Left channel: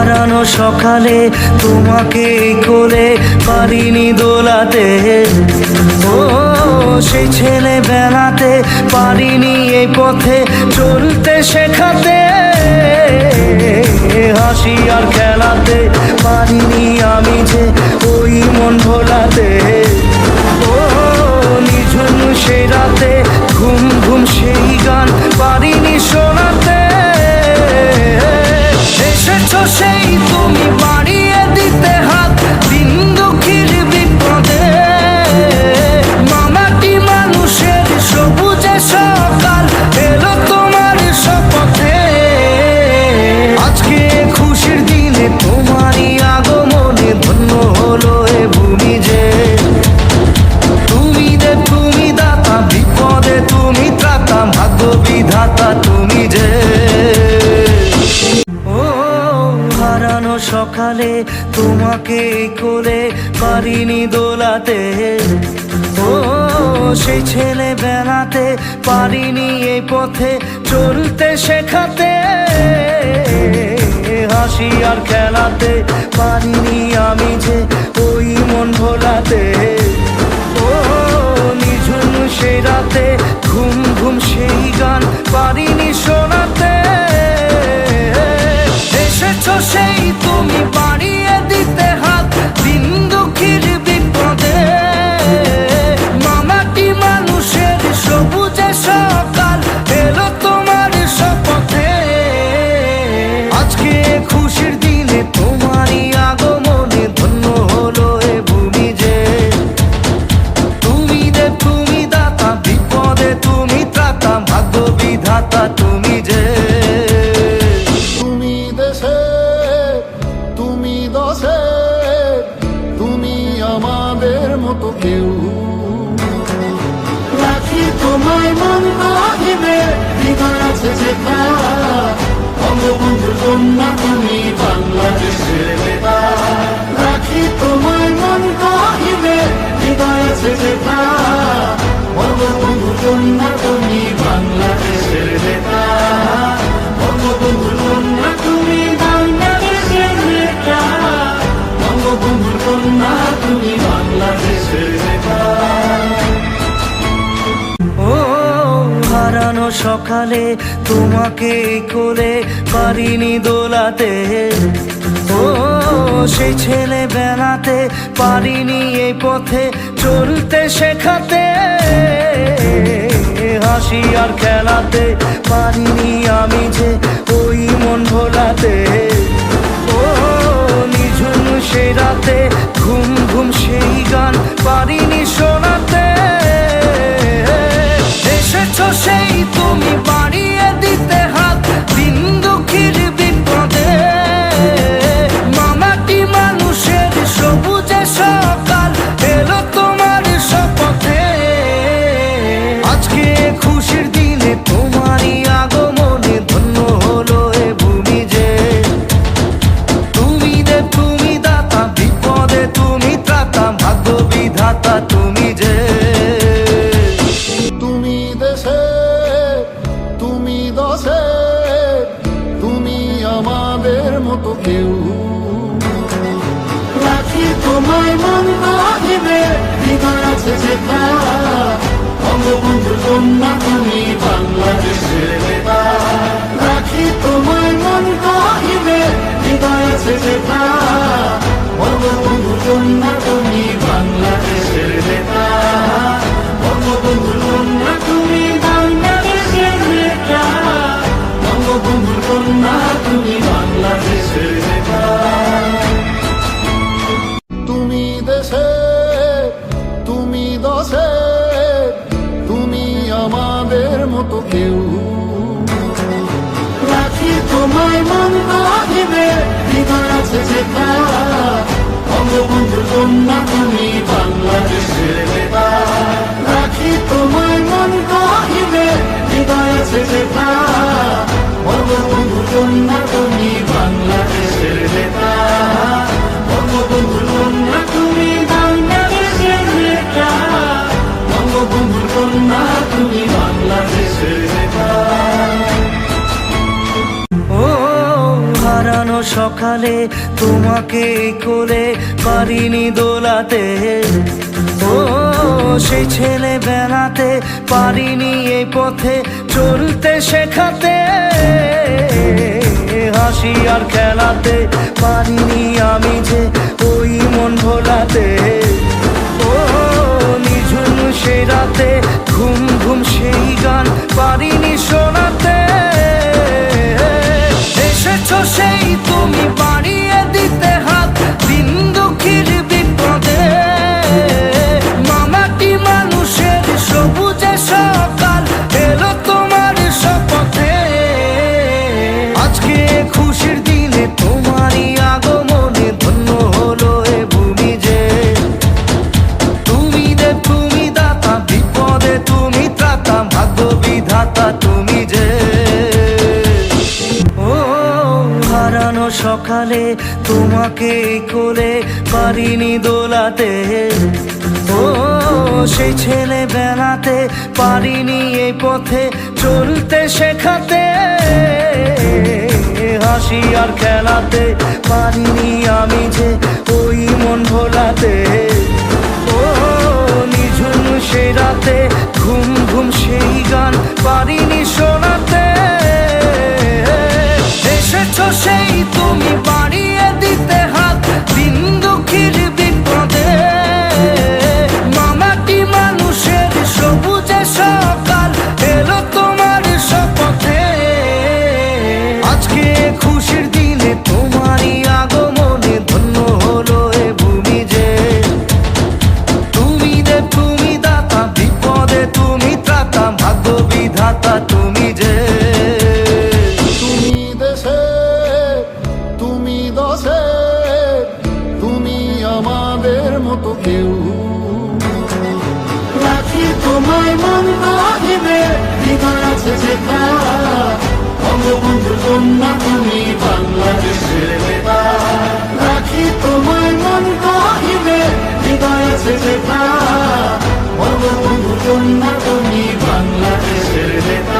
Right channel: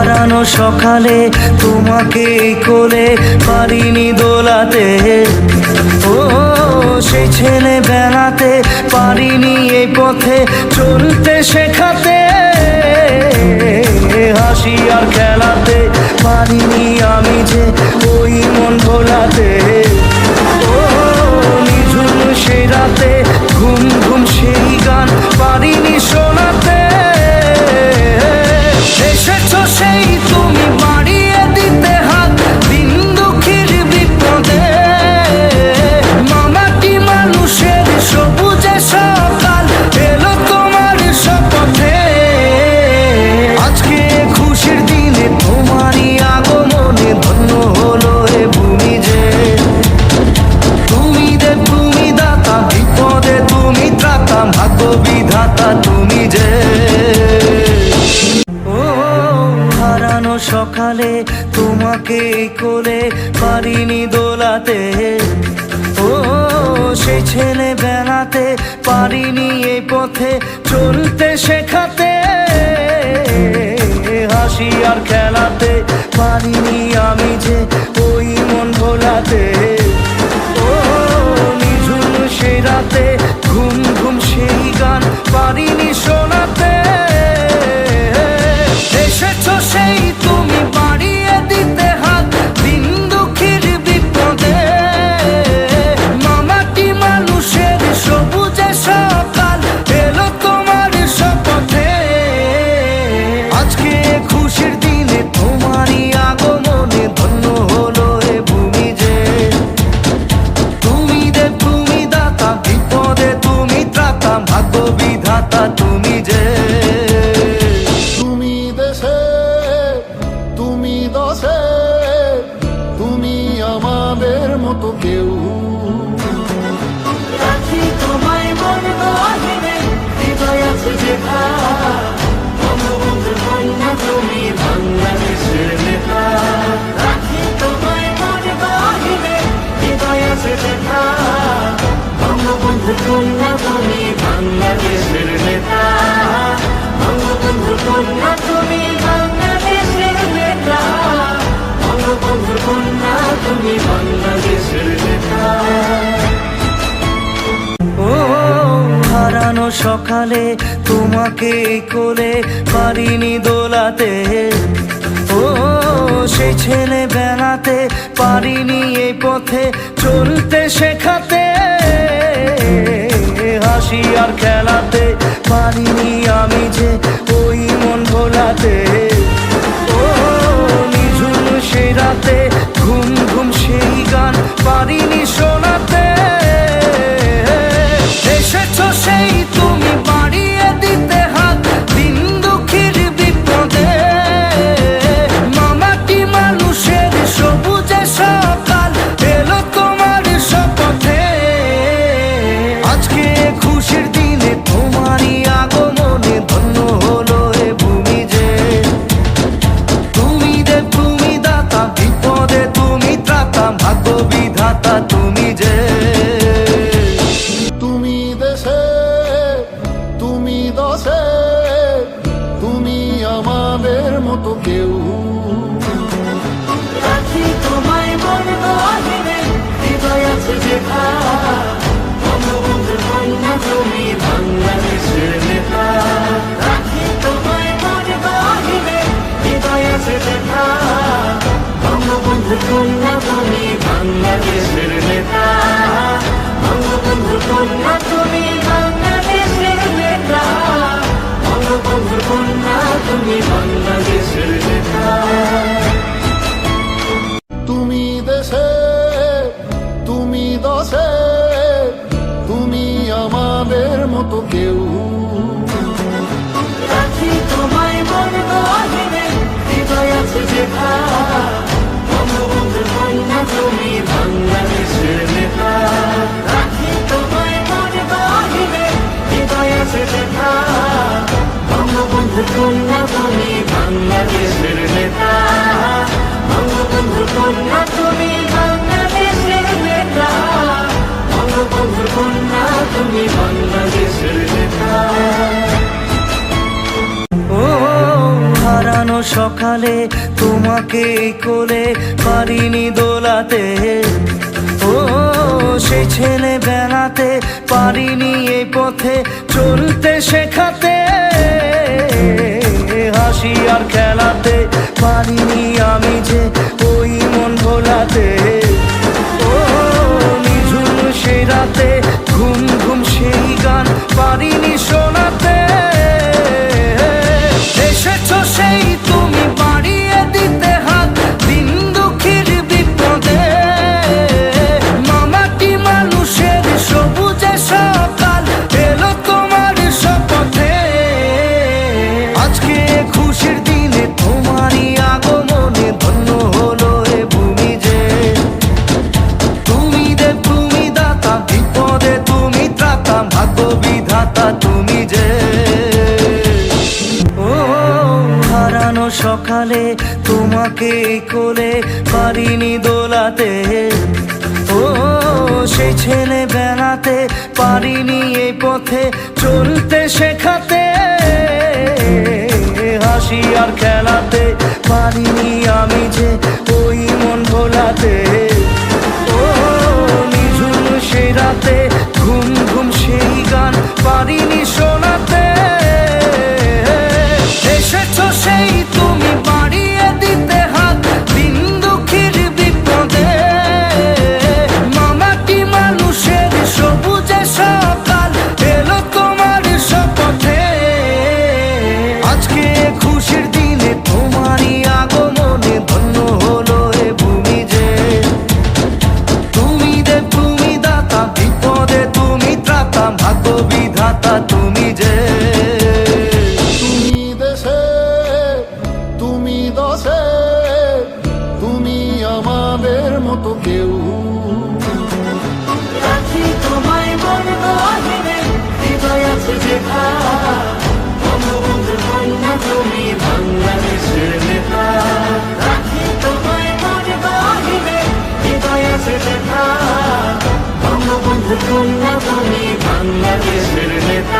হারানো সকালে তোমাকে কোলে পারিনি দোলাতে, ও সেই ছেলে বেলাতে পারিনি এই পথে চলতে শেখাতে, হাসি আর খেলাতে পারিনি আমি যে ওই মন ভোলাতে, ও নিঝুম সেই রাতে ঘুম ঘুম সেই গান পারিনি শোনাতে, এসেছো সেই তুমি বাড়িয়ে দিতে হাত দিন দুঃখীর বিপদে, মামাটি মানুষের সবুজে সকাল এলো তোমার শপথে, আজকে খুশির দিনে তোমারই আগমনে ধন্য হলো এ ভূমি যে, তুমি দেব তুমি দাতা বিপদে তুমি ত্রাতা ভাগ্য বিধাতা তুমি যে, ও হারানো সকালে তোমাকে কোলে পারিনি দোলাতে, ও সেই ছেলে বেলাতে পারিনি এই পথে চলতে শেখাতে, হাসি আর খেলাতে পারিনি আমি যে ওই মন ভোলাতে, ও নিঝুম সেই রাতে ঘুম ঘুম সেই গান পারিনি শোনাতে, এসেছো সেই তুমি বাড়িয়ে দিতে হাত দিন দুঃখীর বিপদে, মামাটি মানুষের সবুজে সকাল এলো তোমার শপথে, আজকে খুশির দিনে তোমারই আগমনে ধন্য হলো এ ভূমি যে, তুমি দেব তুমি দাতা বিপদে তুমি ত্রাতা ভাগ্য বিধাতা তুমি যে, তুমি দেশে তুমি দশে তুমি আমাদের মতো কেউ, রাখি তোমায় মন গহিনে হৃদয় আছে যেখা, বঙ্গবন্ধুর কন্যা তুমি বাংলাদেশের নেতা, রাখি তোমায় মন গহিনে হৃদয় আছে যেখা, বঙ্গবন্ধুর কন্যা তুমি বাংলাদেশের নেতা, বঙ্গবন্ধুর কন্যা তুমি বাংলাদেশের নেতা, বঙ্গবন্ধুর কন্যা তুমি বাংলাদেশের নেতা, ও হারানো সকালে তোমাকে কোলে পারিনি দোলাতে, ও সেই ছেলে বেলাতে পারিনি এই পথে চলতে শেখাতে, হাসি আর খেলাতে পারিনি আমি যে ওই মন ভোলাতে, ও নিঝুম সেই রাতে ঘুম ঘুম সেই গান পারিনি শোনাতে, এসেছো সেই তুমি বাড়িয়ে দিতে হাত দিন দুঃখীর বিপদে, মামাটি মানুষের সবুজে সকাল এলো তোমার শপথে, আজকে খুশির দিনে তোমারই আগমনে ধন্য হলো এ ভূমি যে, তুমি দেব তুমি দাতা বিপদে তুমি ত্রাতা ভাগ্য বিধাতা তুমি যে, তুমি দেশে তুমি দশে তুমি আমাদের মতো কেউ, রাখি তোমায় মন গহিনে হৃদয় আছে যেখা, বঙ্গবন্ধুর কন্যা তুমি বাংলাদেশের নেতা, রাখি তোমায় মন গহিনে হৃদয় আছে যেখা, বঙ্গবন্ধুর কন্যা তুমি বাংলাদেশের নেতা, বঙ্গবন্ধুর কন্যা তুমি বাংলাদেশের নেতা, বঙ্গবন্ধুর কন্যা তুমি বাংলাদেশের নেতা, তুমি দেশে তুমি দশে তুমি আমাদের মতো কেউ, রাখি তোমায় মন গহিনে হৃদয় আছে যেখা, বঙ্গবন্ধুর কন্যা তুমি বাংলাদেশের নেতা, রাখি তোমায় মন গহিনে হৃদয় আছে যেখা, বঙ্গবন্ধুর কন্যা তুমি বাংলাদেশের নেতা, বঙ্গবন্ধুর কন্যা তুমি বাংলাদেশের নেতা, বঙ্গবন্ধুর কন্যা তুমি বাংলাদেশের নেতা, ও হারানো সকালে তোমাকে কোলে পারিনি দোলাতে, ও সেই ছেলেবেলাতে পারিনি এই পথে চলতে শেখাতে, হাসি আর খেলাতে পারিনি আমি যে ওই মন ভোলাতে, ও নিঝুম সেই রাতে ঘুম ঘুম সেই গান পারিনি শোনাতে, এসেছো সেই তুমি বাড়িয়ে দিতে হাত দিন দুঃখীর বিপদে, মামাটি মানুষের সবুজে সকাল এলো তোমার শপথে, আজকে খুশির দিনে তোমারই আগমনে ধন্য হলো এ ভূমি যে, তুমি দেব তুমি দাতা বিপদে তুমি ত্রাতা ভাগ্য বিধাতা তুমি যে, ও হারানো সকালে তোমাকে কোলে পারিনি দোলাতে, ও সেই ছেলেবেলাতে পারিনি এই পথে চলতে শেখাতে, হাসি আর খেলাতে পারিনি আমি যে ওই মন ভোলাতে, ও নিঝুম সেই রাতে ঘুম ঘুম সেই গান পারিনি শোনাতে, এসেছো সেই তুমি বাড়িয়ে দিতে হাত দিন দুঃখীর বিপদে, মামাটি মানুষের সবুজে সকাল এলো তোমার শপথে, আজকে খুশির দিনে তোমারই আগমনে ধন্য হলো এ ভূমি যে, তুমি দেব তুমি দাতা বিপদে তুমি ত্রাতা ভাগ্য বিধাতা তুমি যে, তুমি দেশে তুমি দশে তুমি আমাদের মতো কেউ, রাখি তোমায় মন গহিনে হৃদয় আছে যেখা, বঙ্গবন্ধুর কন্যা তুমি বাংলাদেশের নেতা, রাখি তোমায় মন গহিনে হৃদয় আছে যেখা, বঙ্গবন্ধুর কন্যা তুমি বাংলাদেশের নেতা।